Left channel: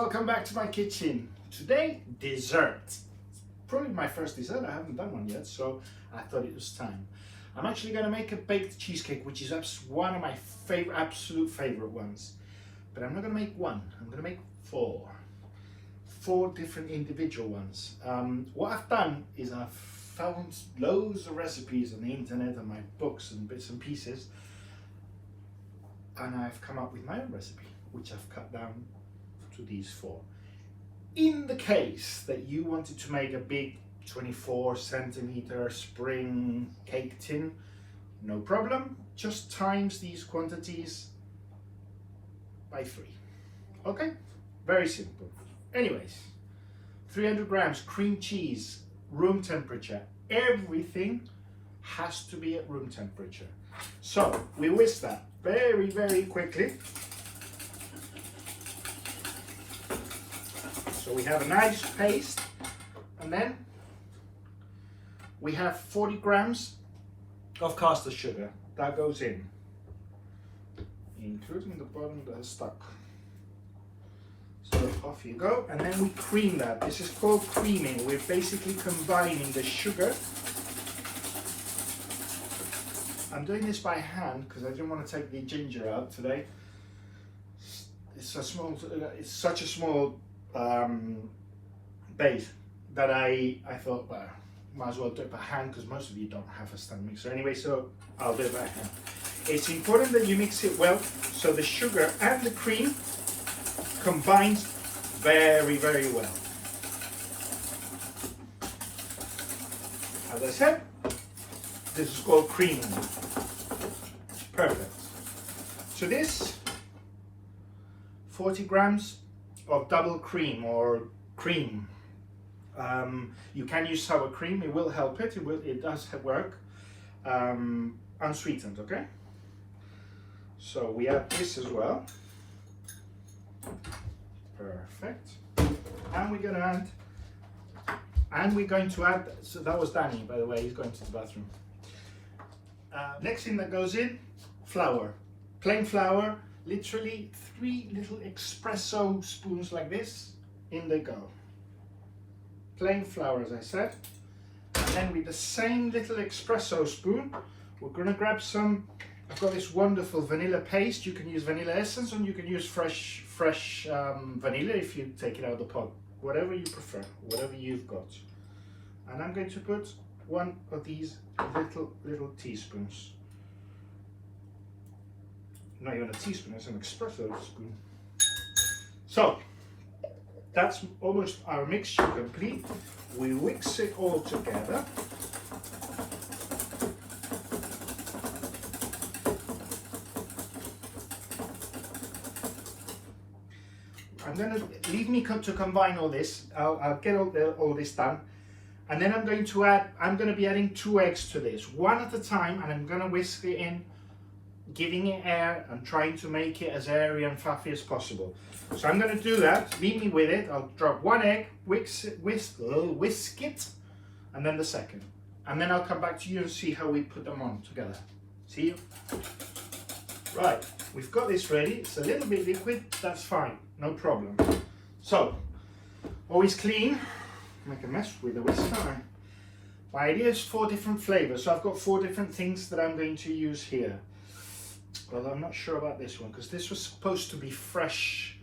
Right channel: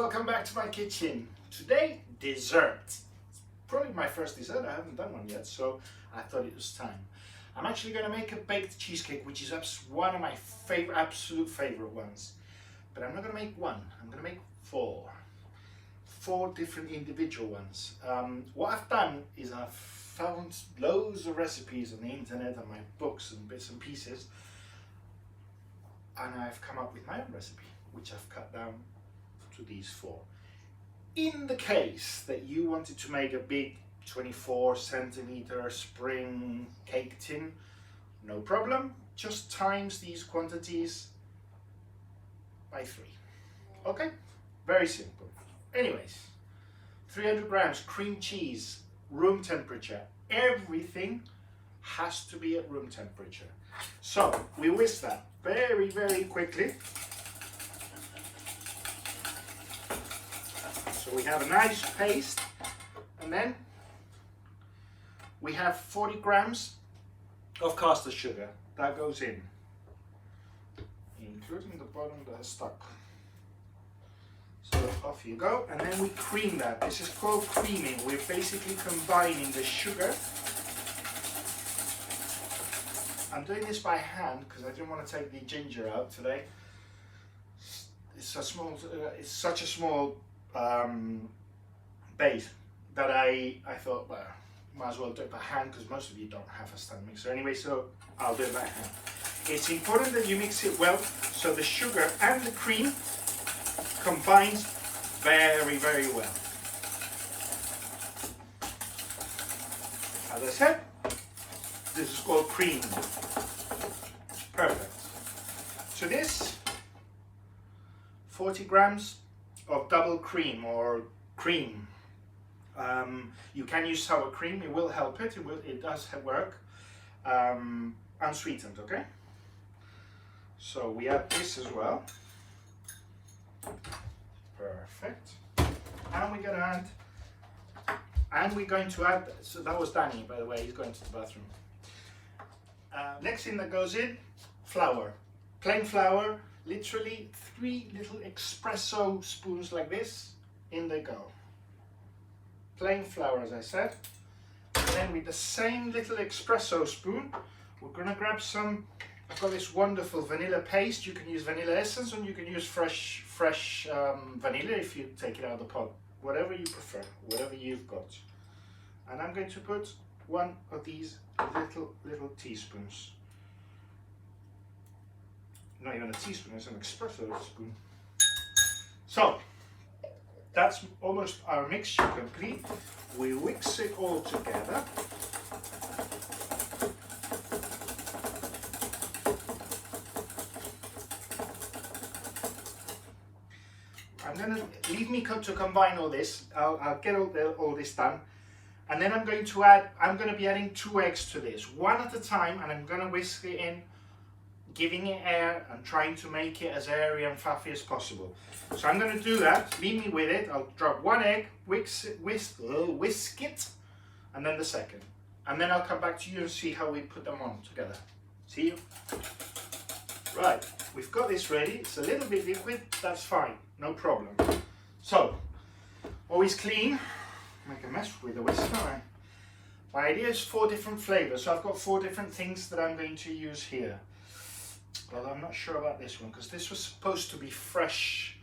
welcome back to my kitchen. Today, dessert. Probably my first dessert, I haven't done one yet, so I thought it was time. I'm actually going to make a baked cheesecake, which is one of my absolute favorite ones. But I'm not going to make one, I'm going to make four different individual ones. What I've done is I've found loads of recipes on the internet and my books and bits and pieces, and I've come up with my own recipe, which I've cut down to these four. In the case that you wanted to make a big 24-centimeter spring cake tin, no problem, just times these quantities by 3. Okay, very simple. Anyways, 300 grams cream cheese, room temperature. Everything has to be at room temperature. So we whisk that very, very quickly. So we have a nice paste, and then we have 40 grams of caster sugar. That goes in, including the bottom that is stuck. So off you go, and then we cream that. This is called creaming. We're basically combining the sugar. I'm doing this by hand because I didn't want to take the ginger out today. It's such a small base that I thought, well, might as well do it by hand because most of you don't have a stand mixer anyway, so I'll do it by hand. It's important that you mix it well so the sugar and the cream combines very, very well. As I said, this is called creaming. Perfect. So this 40 grams of double cream or cream. You can use sour cream, it will help it, it does work. Unsweetened, okay? So we add this as well. Perfect. And we're going to add, so that was Danny, by the way, he's going to the bathroom. Next thing that goes in, flour. Plain flour, literally 3 little espresso spoons like this, in they go. Plain flour, as I said. And then with the same little espresso spoon, we're gonna grab some, I've got this wonderful vanilla paste. You can use vanilla essence, or you can use fresh vanilla if you take it out of the pot. Whatever you prefer, whatever you've got. And I'm going to put one of these little teaspoons. Not even a teaspoon, it's an espresso spoon. So, that's almost our mixture complete. We mix it all together. I'm going to leave me to combine all this. I'll get all this done. And then I'm going to be adding 2 eggs to this, one at a time, and I'm going to whisk it in, giving it air and trying to make it as airy and fluffy as possible. So I'm going to do that, leave me with it. I'll drop 1 egg, whisk it, and then the second. And then I'll come back to you and see how we put them on together. See you? Right, we've got this ready. It's a little bit liquid, that's fine, no problem. So, always clean. Make a mess with the whisk. My idea is 4 different flavors, so I've got 4 different things that I'm going to use here. Well, I'm not sure about this one because this was supposed to be fresh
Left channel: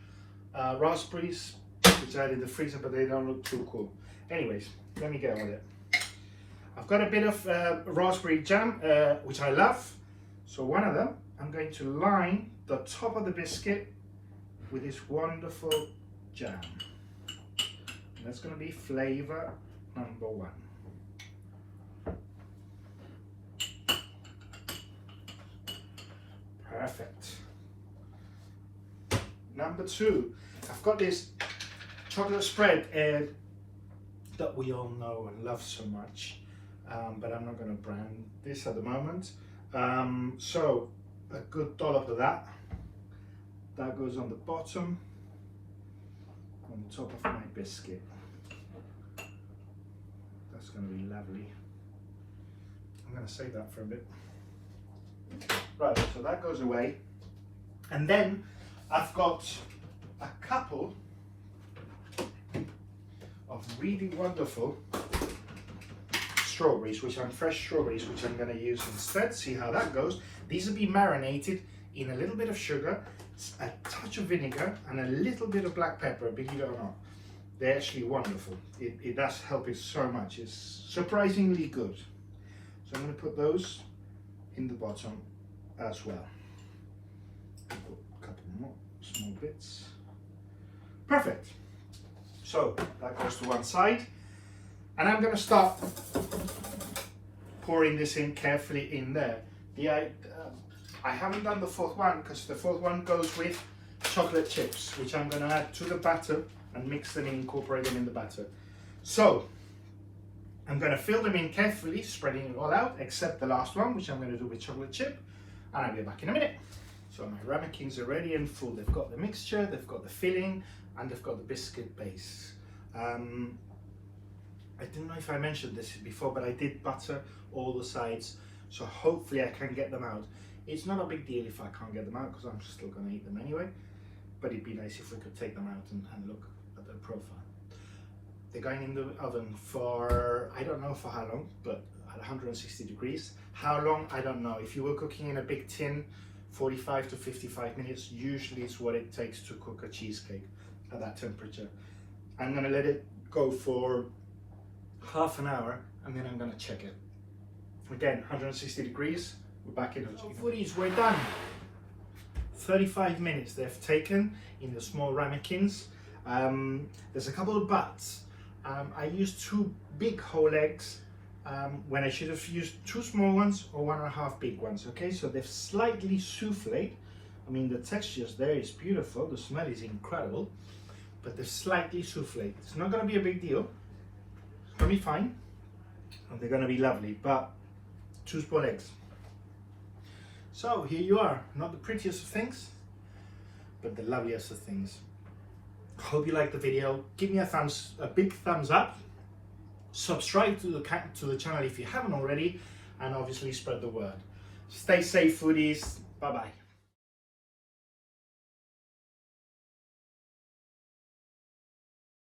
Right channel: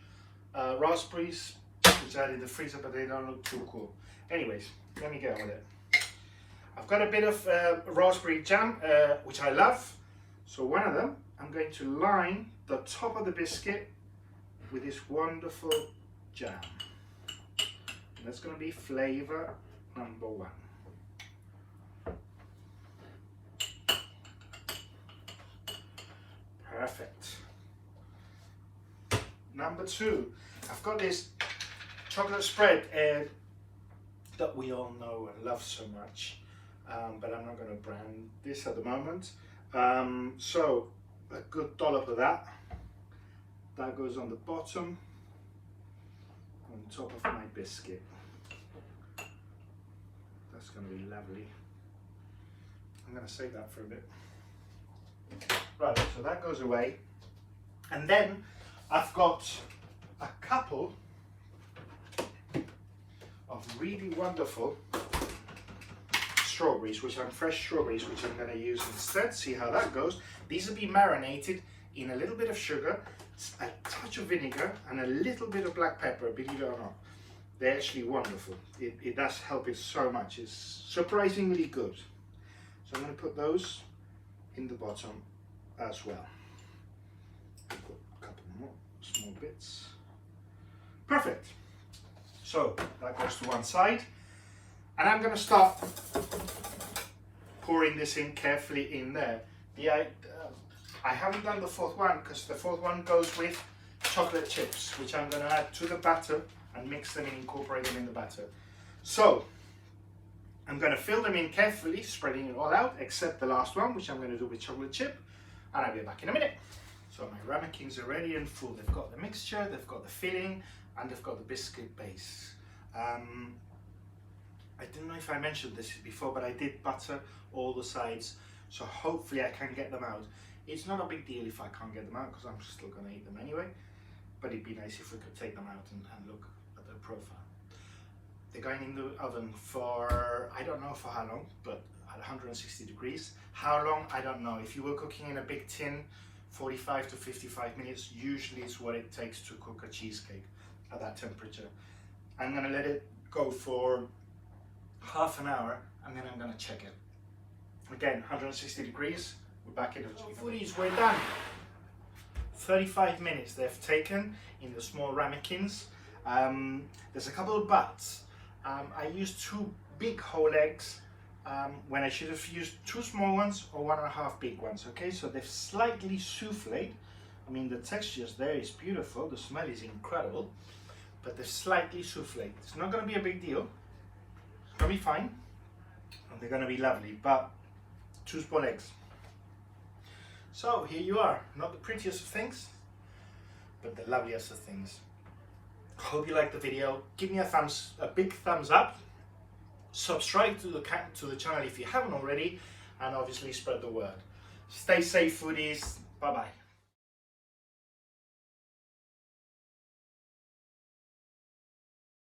raspberries, which I had in the freezer, but they don't look too cool. Anyways, let me get with it. I've got a bit of raspberry jam, which I love. So one of them, I'm going to line the top of the biscuit with this wonderful jam. And that's going to be flavor number 1. Perfect. Number 2, I've got this chocolate spread that we all know and love so much, but I'm not going to brand this at the moment. So a good dollop of that goes on the bottom, on the top of my biscuit. That's going to be lovely. I'm going to save that for a bit. Right, so that goes away. And then I've got a couple of really wonderful strawberries, fresh strawberries, which I'm going to use instead. See how that goes. These will be marinated in a little bit of sugar, a touch of vinegar, and a little bit of black pepper, believe it or not. They're actually wonderful. It does help it so much. It's surprisingly good. So I'm going to put those in the bottom as well. Put a couple more small bits. Perfect. So that goes to one side. And I'm going to start pouring this in carefully in there. I haven't done the fourth one because the fourth one goes with chocolate chips, which I'm going to add to the batter and mix them and incorporate them in the batter. So I'm going to fill them in carefully, spreading it all out, except the last one, which I'm going to do with chocolate chip. And I'll be back in a minute. So my ramekins are ready and full. They've got the mixture, they've got the filling, and they've got the biscuit base. I don't know if I mentioned this before, but I did butter all the sides, so hopefully I can get them out. It's not a big deal if I can't get them out, because I'm still going to eat them anyway, but it'd be nice if we could take them out and look at their profile. They're going in the oven for, I don't know for how long, but at 160 degrees. How long, I don't know. If you were cooking in a big tin, 45 to 55 minutes usually is what it takes to cook a cheesecake at that temperature. I'm going to let it go for half an hour, and then I'm going to check it. Again, 160 degrees, we're back in. Foodies, we're done. 35 minutes they've taken in the small ramekins. There's a couple of buts. I used 2 big whole eggs when I should have used 2 small ones or 1.5 big ones. Okay, so they've slightly souffled. I mean, the texture there is beautiful, the smell is incredible, but they're slightly souffled. It's not going to be a big deal. It's going to be fine, and they're going to be lovely, but 2 small eggs. So here you are, not the prettiest of things, but the loveliest of things. Hope you liked the video. Give me a big thumbs up. Subscribe to the channel if you haven't already, and obviously spread the word. Stay safe, foodies. Bye bye.